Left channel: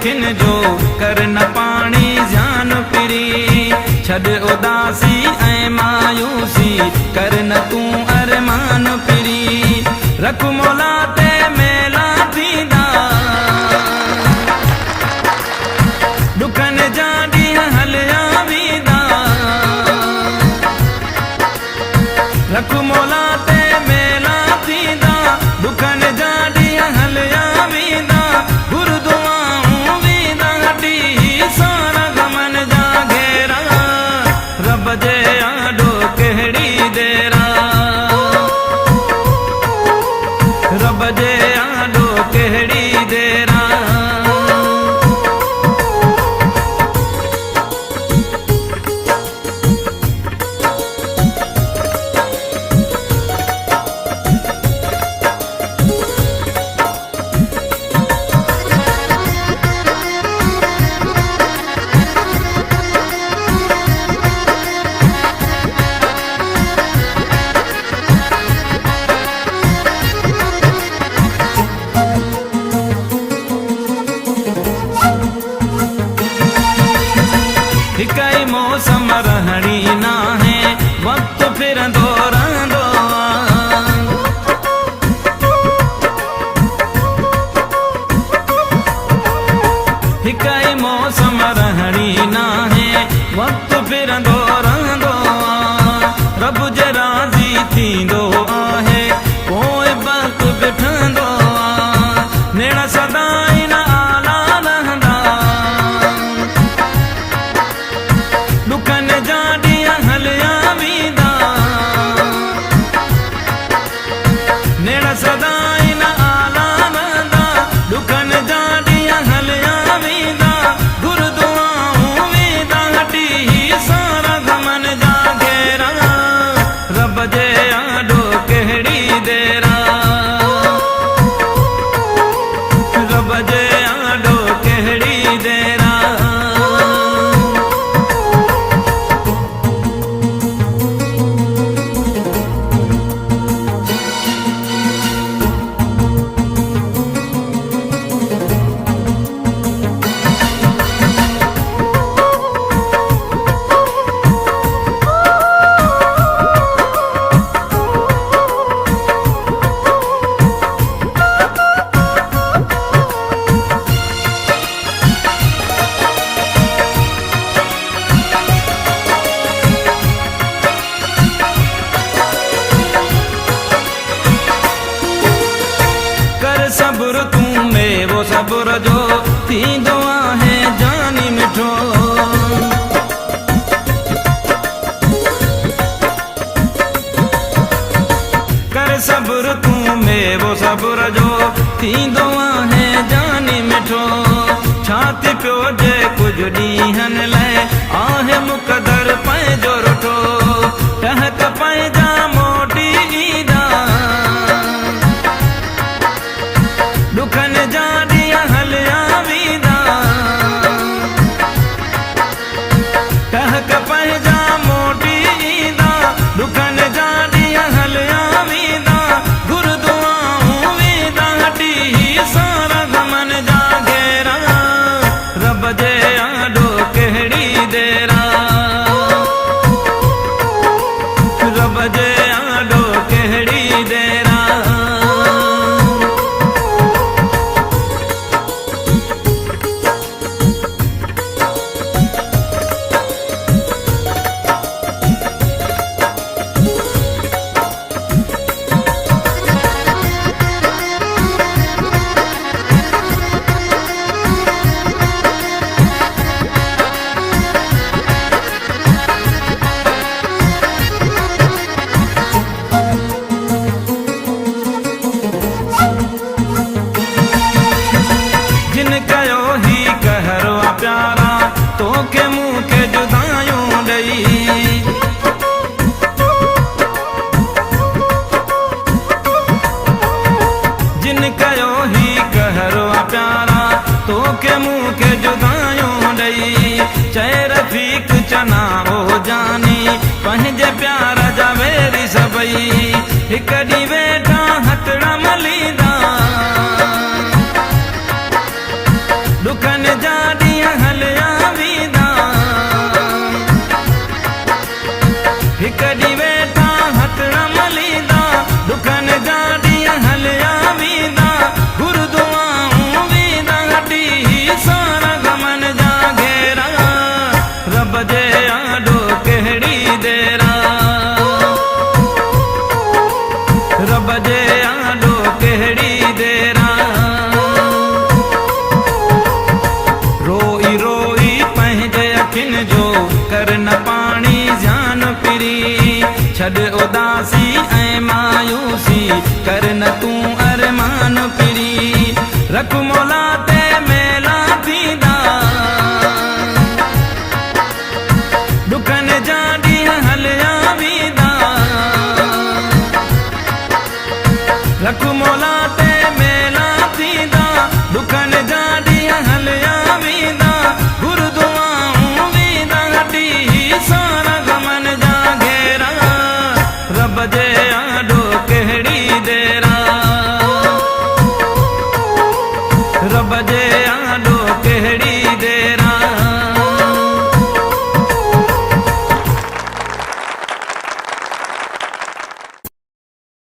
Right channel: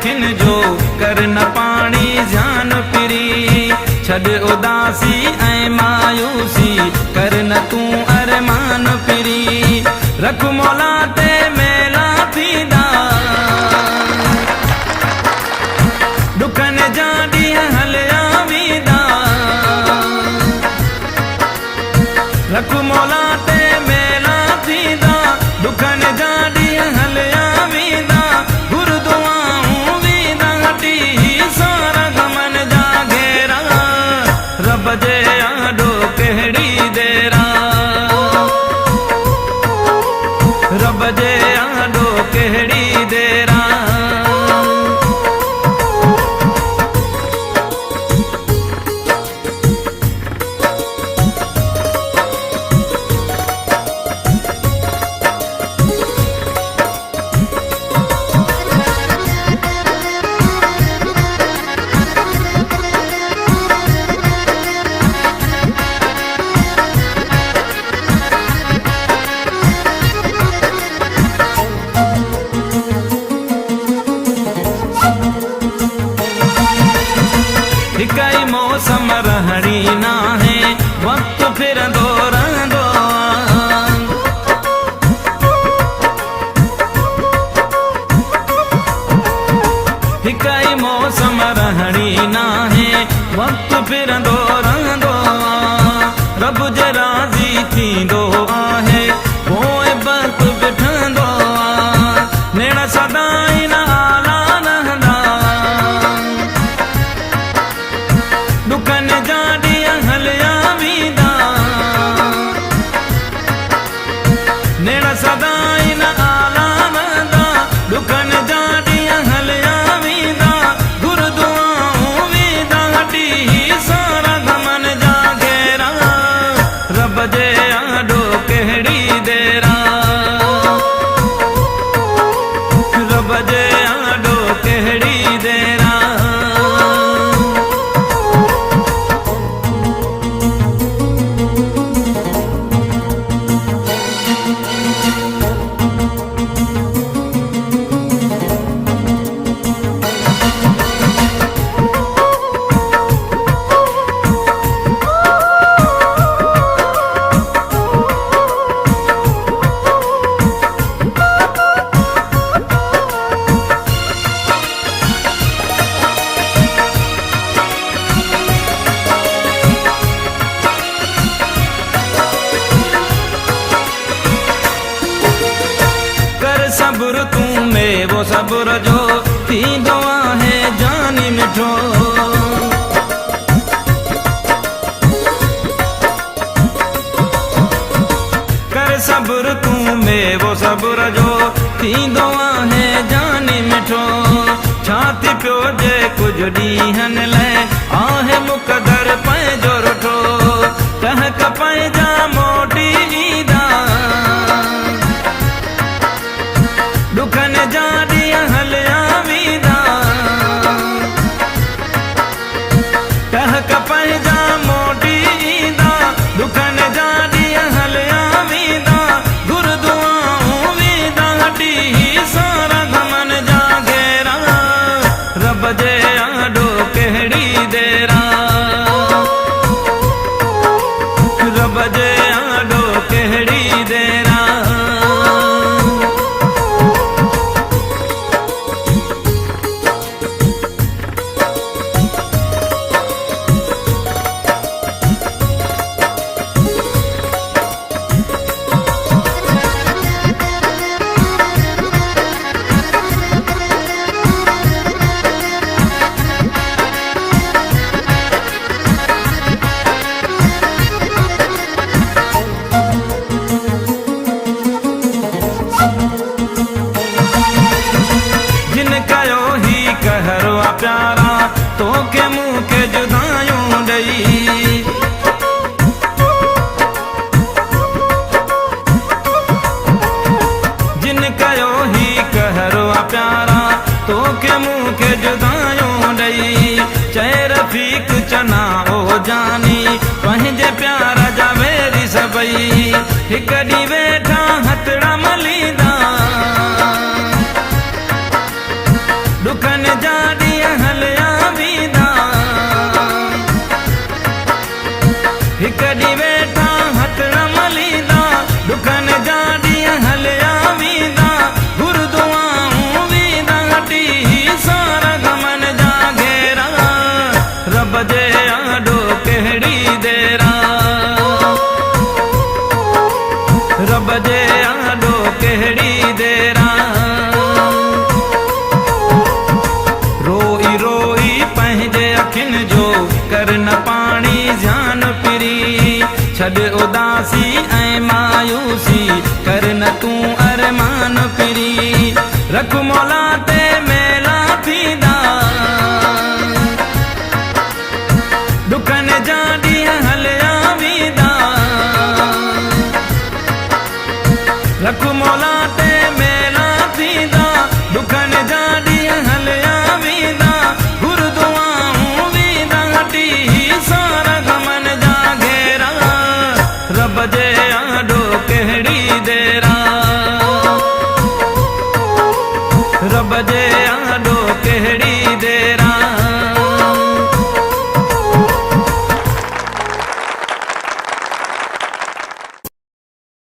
अखिन जो कर न पाणी ध्यान फिरी छॾ उदासी ऐं मायूसी कर न तूं अरमान फिरी रख मौला ते मेला थींदा दुखनि जा ॾींहं हलिया वेंदा रख मौला ते मेला थींदा दुखनि जा ॾींहं हलिया वेंदा घुर दुआऊं वेंदा हटी सारा गमन जा घेरा रब जे आॾो कहिड़ी देरा रब जे आॾो कहिड़ी देरा हिकई मौसम रहणी ना है वक्त फिरंदो रहंदो हिकई मौसम रहणी ना है वक्त फिरंदो रहंदो रब जे राज़ी थींदो आहे पोइ वक्त बिठंदो नेण सदाई न आला रहंदा दुखनि जा ॾींहं हलिया वेंदा नेण सदाई न आला रहंदा दुखनि जा ॾींहं हलिया वेंदा घुर दुआऊं वेंदा हटी सारा गमन जा घेरा रब जे आॾो कहिड़ी देरा रब जे आॾो कहिड़ी देरा सब्र तूं में वो सब्र जो थींदो आहे जानी मिठो कर सब्र तूं में वो सब्र जो थींदो आहे जानी मिठो छाती पियो जे कुझु ॾींहंनि लाइ आहे मुक़दर पंहिंजो रुठो टहक पंहिंजा मोटी ईंदा दुखनि जा ॾींहं हलिया वेंदा टहक पंहिंजा मोटी ईंदा दुखनि जा ॾींहं हलिया वेंदा घुर दुआऊं वेंदा हटी सारा गमन जा घेरा रब जे आॾो कहिड़ी देरा रब जे आॾो कहिड़ी देरा प्यारा तो के मुँह के जुदायूं ॾई जिन कयो ही कहरो प्यारा तो के मुँह के जुदायूं ॾई चए रफ़ीक चना ओ जानी पंहिंजे प्यार जा वेरी सभई हिक ॾींहुं वेठा हथड़ा मलींदा दुखनि जा ॾींहं हलिया वींदा हिक ॾींहुं वेठा हथड़ मलींदा दुखनि जा ॾींहं हलिया वींदा गुरुदुआऊं वींदा हटी सारा गमन जा घेरा रब जे आॾो कहिड़ी देरा रब जे आॾो कहिड़ी देरा रोई रोई पंहिंजे अखियुनि जो कर न पाणी ध्यान पिरी छॾ उदासी ऐं मायूसी कर न तूं अरमान पिरी रख मौला ते मेला थींदा दुखनि जा ॾींहं हलिया वींदा रख मौला ते मेला थींदा दुखनि जा ॾींहं हलिया वींदा गुरुदुआऊं वींदा हटी सारा गमन जा घेरा रब जे आॾो कहिड़ी देरा रब जे